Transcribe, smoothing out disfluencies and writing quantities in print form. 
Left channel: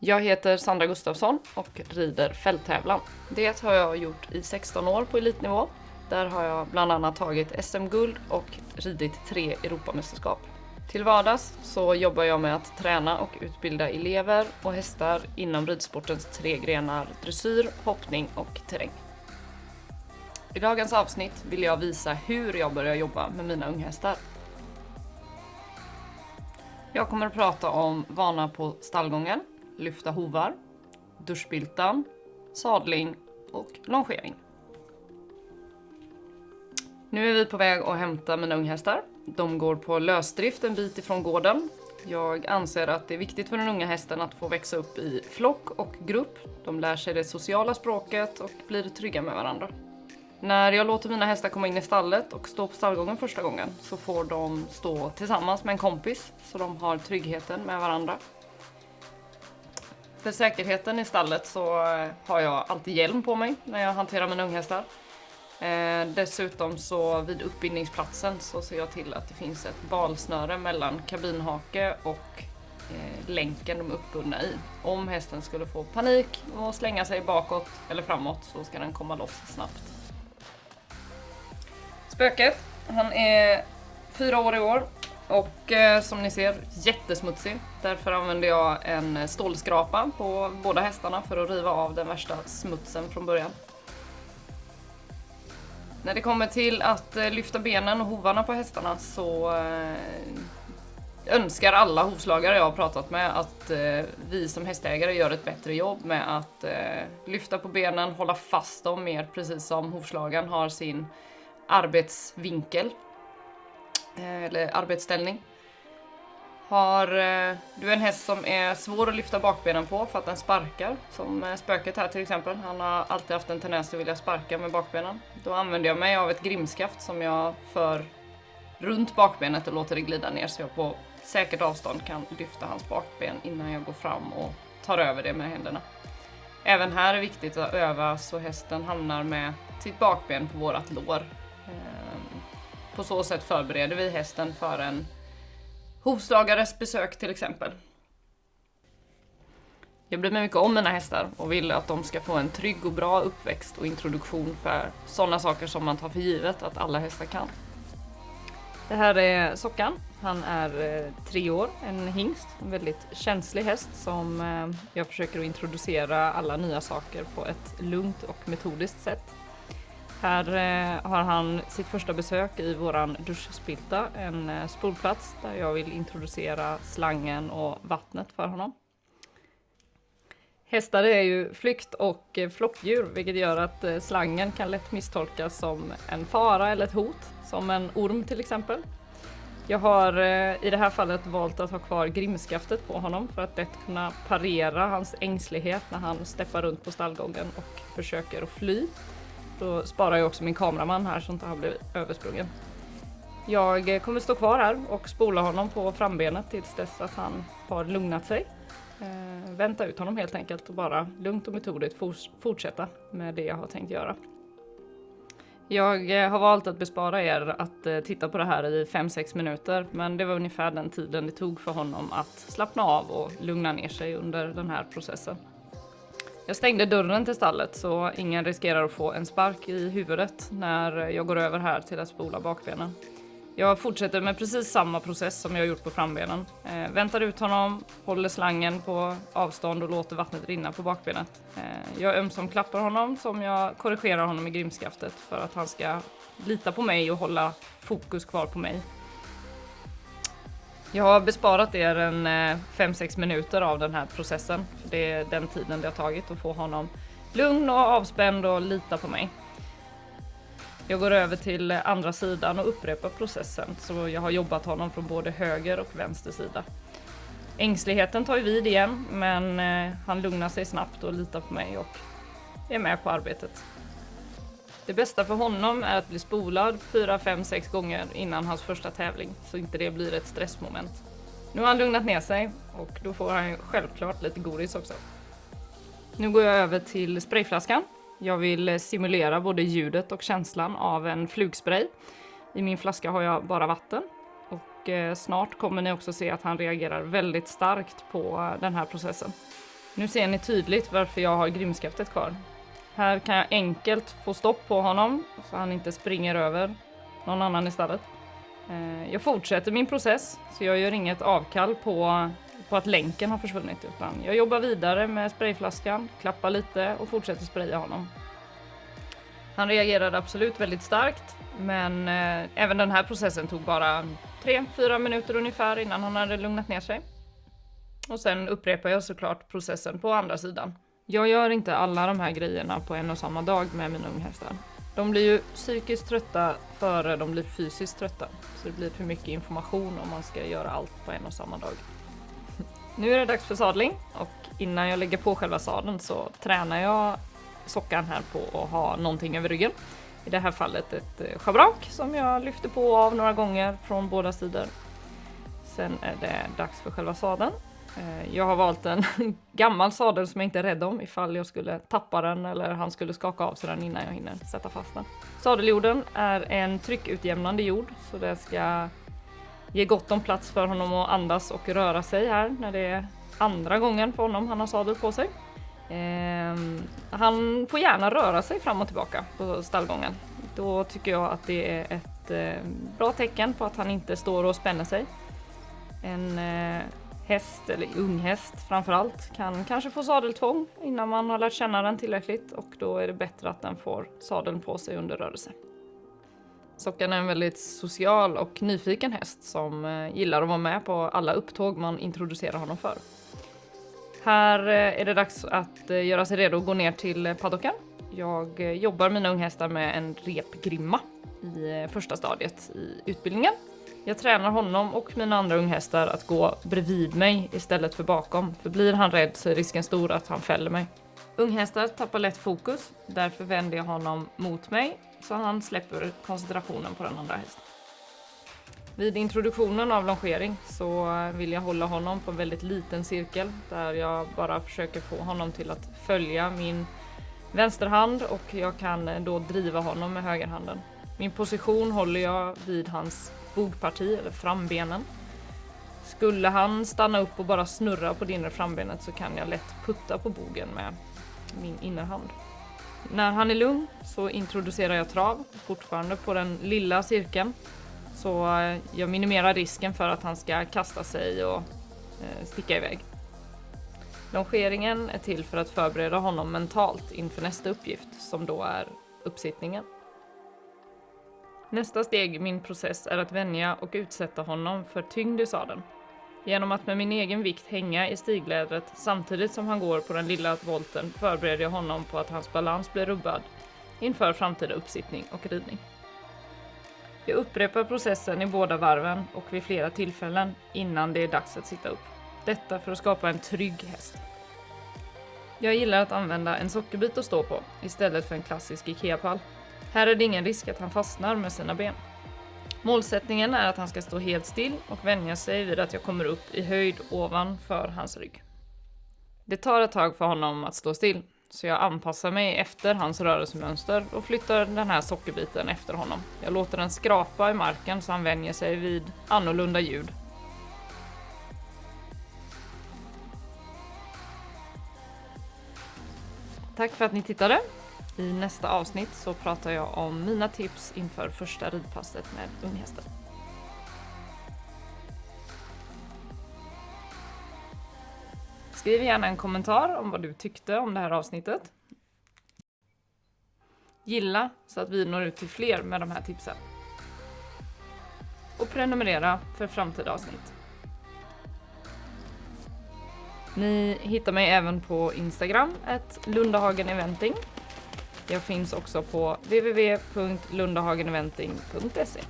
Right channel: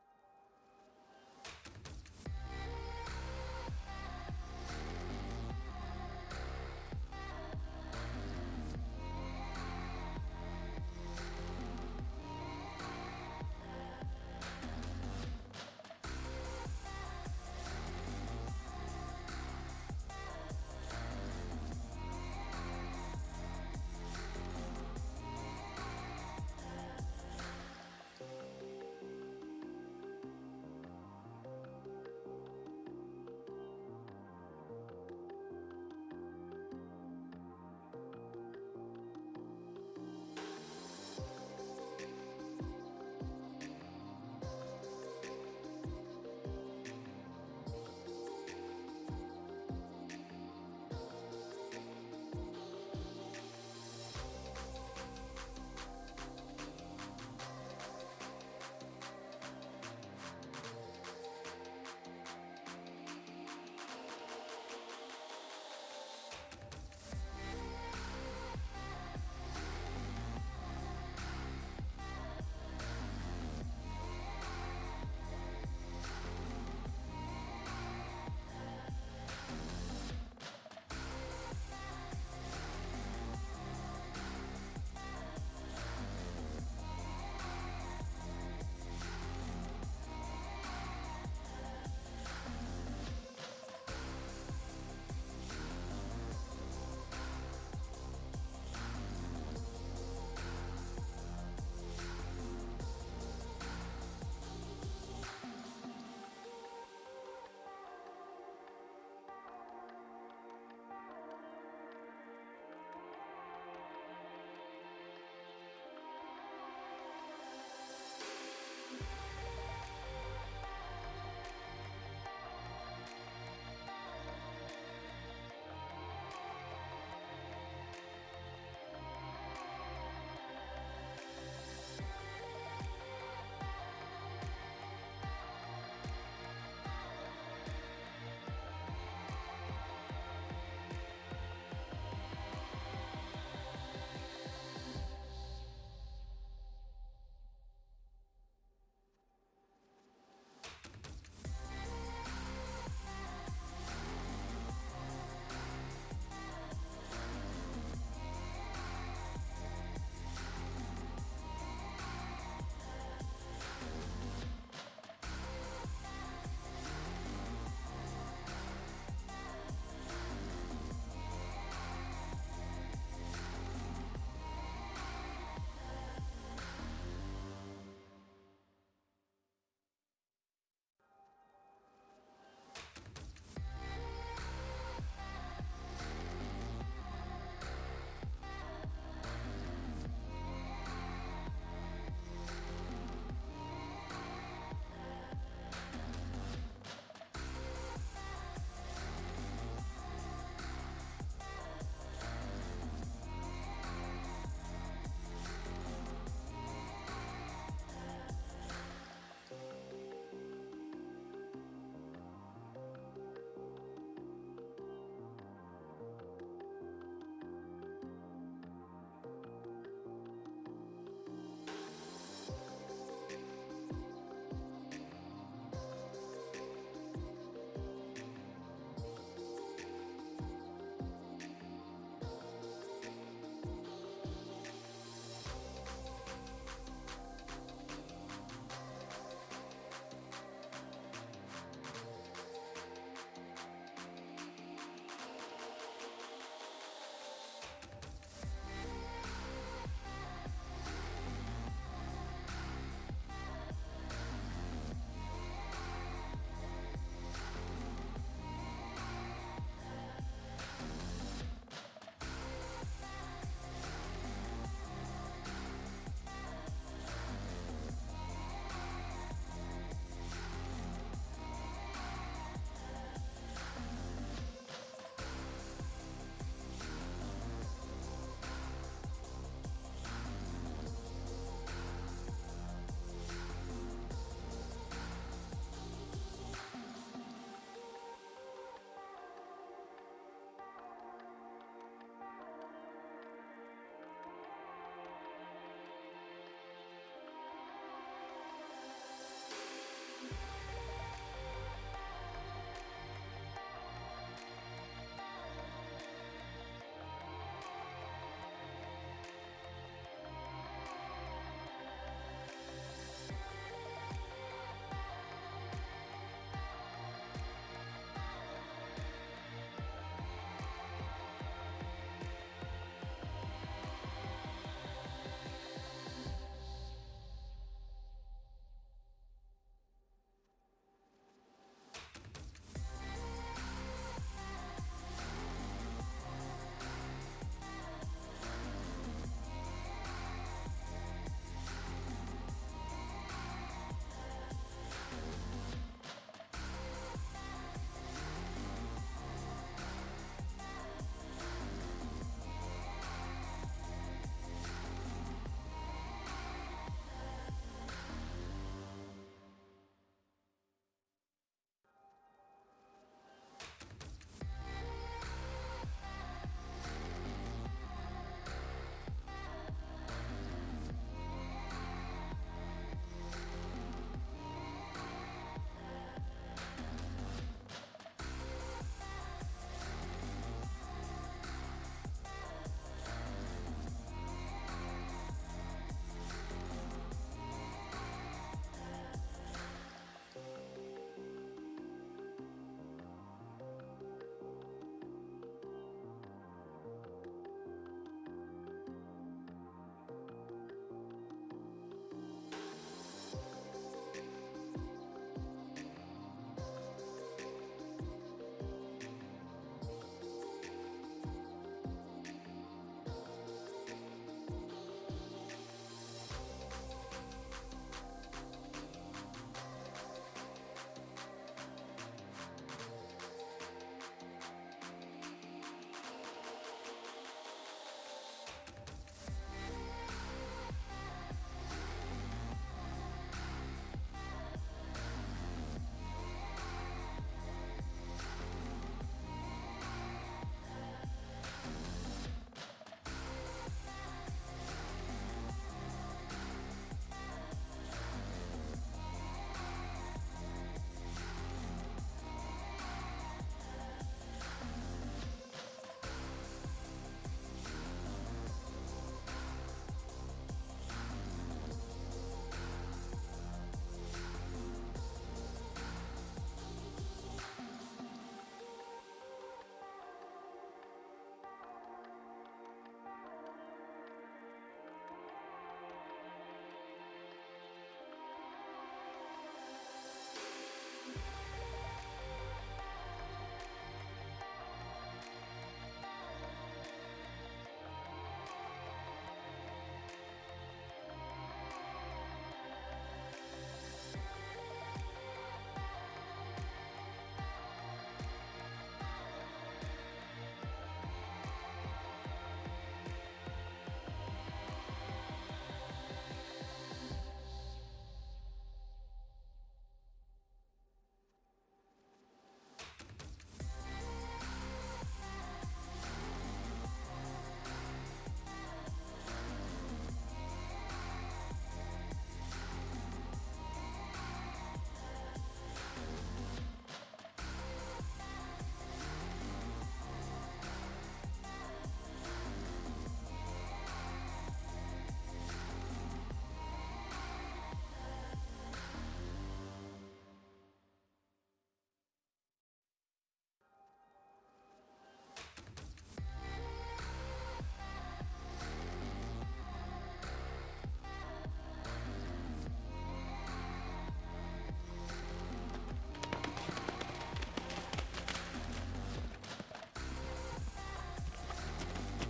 Jag heter Sandra Gustafsson och rider fälttävlan. Det har jag gjort i 16 år på elitnivå. Där har jag bland annat tagit SM-guld och ridit 3 Europamästerskap. Till vardags så jobbar jag med att träna och utbilda elever och hästar inom ridsportens 3 grenar dressyr, hoppning och terräng. I dagens avsnitt vill jag visa hur jag börjar jobba med mina unghästar. Jag kommer att prata om vana på stallgången, lyfta hovar, duschbiltan, sadling och longering. Nu är vi på väg att hämta mina unghästar. De går på lösdrift en bit ifrån gården. Jag anser att det är viktigt för den unga hästen att få växa upp i flock och grupp. De lär sig det sociala språket och blir trygga med varandra. När jag låter mina hästar komma in i stallet och stå på stallgången första gången så får de stå tillsammans med en kompis så de har tryggheten med varandra. För säkerheten i stallet så har jag alltid hjälm på mig när jag hanterar mina unghästar. Dessutom så vid uppbindningsplatsen så ser jag till att det finns ett balsnöre mellan kabinhake och länken de är uppbundna i. Om hästen skulle få panik och slänga sig bakåt eller framåt så ska den komma loss snabbt. Spöket, han är 4 år i år och som ni ser jättesmutsig. Därför använder jag en stålskrapa på båda hästarna för att riva av den värsta smutsen från början. När det kommer till att lyfta benen och hovarna på hästarna så önskar alla hovslagare jag har pratat med att vi som hästägare gör ett bättre jobb med att lyfta på benen, hålla fast dem mer precis som hovslagaren har sin arbetsvinkel eller arbetsställning. Har du en häst som är svår att lyfta bakbenen på för att den sparkar, som spöket här till exempel, han har alltid haft en tendens att vilja sparka med bakbenen. Då använder jag mig av ett grimskaft som jag för runt bakbenet och låter det glida ner så jag på säkert avstånd kan lyfta hans bakben innan jag går fram och tar över det med händerna. Även här är det viktigt att öva så hästen hamnar med sitt bakben på vårat lår. På så sätt förbereder vi hästen för en hovslagares besök till exempel. Jag bryr mig mycket om mina hästar och vill att de ska få en trygg och bra uppväxt och introduktion för sådana saker som man tar för givet att alla hästar kan. Det här är Sockan. Han är 3 år, en hingst, en väldigt känslig häst som jag försöker att introducera alla nya saker på ett lugnt och metodiskt sätt. Här har han sitt första besök i våran duschspilta, en spolplats där jag vill introducera slangen och vattnet för honom. Hästar är ju flykt- och flockdjur, vilket gör att slangen kan lätt misstolkas som en fara eller ett hot, som en orm till exempel. Jag har i det här fallet valt att ha kvar grimskaftet på honom för att lätt kunna parera hans ängslighet när han steppar runt på stallgången och försöker att fly. Då sparar jag också min kameraman här så att han blir översprungen. Jag kommer stå kvar här och spola honom på frambenet tills dess att han har lugnat sig. Vänta ut honom helt enkelt och bara lugnt och metodiskt fortsätta med det jag har tänkt göra. Jag har valt att bespara er att titta på det här i 5-6 minuter, men det var ungefär den tiden det tog för honom att slappna av och lugna ner sig under den här processen. Jag stängde dörren till stallet så ingen riskerar att få en spark i huvudet när jag går över här till att spola bakbenen. Jag fortsätter med precis samma process som jag har gjort på frambenen. Väntar ut honom, håller slangen på avstånd och låter vattnet rinna på bakbenet. Jag ömsom klappar honom som jag korrigerar honom i grimskaftet för att han ska lita på mig och hålla fokus kvar på mig. Jag har besparat er en 5-6 minuter av den här processen. Det är den tiden det har tagit att få honom lugn och avspänd och lita på mig. Jag går över till andra sidan och upprepar processen så jag har jobbat honom från både höger och vänster sida. Ängsligheten tar ju vid igen men han lugnar sig snabbt och litar på mig och är med på arbetet. Det bästa för honom är att bli spolad 4-5-6 gånger innan hans första tävling så inte det blir ett stressmoment. Nu har han lugnat ner sig och då får han självklart lite godis också. Nu går jag över till sprayflaskan. Jag vill simulera både ljudet och känslan av en flugspray. I min flaska har jag bara vatten och snart kommer ni också se att han reagerar väldigt starkt på den här processen. Nu ser ni tydligt varför jag har grimskaftet kvar. Här kan jag enkelt få stopp på honom så han inte springer över någon annan istället. Jag fortsätter min process så jag gör inget avkall på att länken har försvunnit. Utan jag jobbar vidare med sprayflaskan, klappar lite och fortsätter spraya honom. Han reagerade absolut väldigt starkt, men även den här processen tog bara 3-4 minuter ungefär innan han hade lugnat ner sig. Och sen upprepar jag såklart processen på andra sidan. Jag gör inte alla de här grejerna på en och samma dag med mina unghästar. De blir ju psykiskt trötta före de blir fysiskt trötta. Så det blir för mycket information om man ska göra allt på en och samma dag. Nu är det dags för sadling och innan jag lägger på själva sadeln så tränar jag sockan här på att ha någonting över ryggen. I det här fallet ett schabrak som jag lyfter på av några gånger från båda sidor. Sen är det dags för själva sadeln. Jag har valt en gammal sadel som jag inte är rädd om ifall jag skulle tappa den eller han skulle skaka av sig den innan jag hinner sätta fast den. Sadeljorden är en tryckutjämnande jord så det ska ge gott om plats för honom att andas och röra sig här när det är andra gången på honom han har sadel på sig. Han får gärna röra sig fram och tillbaka på stallgången. Då tycker jag att det är ett bra tecken på att han inte står och spänner sig. En häst eller unghäst framförallt kan kanske få sadeltvång innan man har lärt känna den tillräckligt och då är det bättre att den får sadeln på sig under rörelse. Sockan är en väldigt social och nyfiken häst som gillar att vara med på alla upptåg man introducerar honom för. Här är det dags att göra sig redo att gå ner till paddocken. Jag jobbar mina unghästar med en repgrimma i första stadiet i utbildningen. Jag tränar honom och mina andra unghästar att gå bredvid mig istället för bakom. För blir han rädd så är risken stor att han fäller mig. Unghästar tappar lätt fokus, därför vänder jag honom mot mig så han släpper koncentrationen på den andra hästen. Vid introduktionen av longering så vill jag hålla honom på en väldigt liten cirkel där jag bara försöker få honom till att följa min vänsterhand och jag kan då driva honom med högerhanden. Min position håller jag vid hans bogparti eller frambenen. Skulle han stanna upp och bara snurra på det inre frambenet så kan jag lätt putta på bogen med min innerhand. När han är lugn så introducerar jag trav, fortfarande på den lilla cirkeln. Så jag minimerar risken för att han ska kasta sig och sticka iväg. Longeringen är till för att förbereda honom mentalt inför nästa uppgift som då är uppsittningen. Nästa steg i min process är att vänja och utsätta honom för tyngd i sadeln. Genom att med min egen vikt hänga i stiglädret samtidigt som han går på den lilla volten förbereder jag honom på att hans balans blir rubbad inför framtida uppsittning och ridning. Jag upprepar processen i båda varven och vid flera tillfällen innan det är dags att sitta upp. Detta för att skapa en trygg häst. Jag gillar att använda en sockerbit att stå på istället för en klassisk IKEA-pall. Här är det ingen risk att han fastnar med sina ben. Målsättningen är att han ska stå helt still och vänja sig vid att jag kommer upp i höjd ovanför hans rygg. Det tar ett tag för honom att stå still, så jag anpassar mig efter hans rörelsemönster och flyttar den här sockerbiten efter honom. Jag låter den skrapa i marken så han vänjer sig vid annorlunda ljud. Tack för att ni tittade. I nästa avsnitt så pratar jag om mina tips inför första ridpasset med unghästar. Skriv gärna en kommentar om vad du tyckte om det här avsnittet. Gilla så att vi når ut till fler med de här tipsen. Och prenumerera för framtida avsnitt. Ni hittar mig även på Instagram @lundahageneventing. Jag finns också på www.lundahageneventing.se.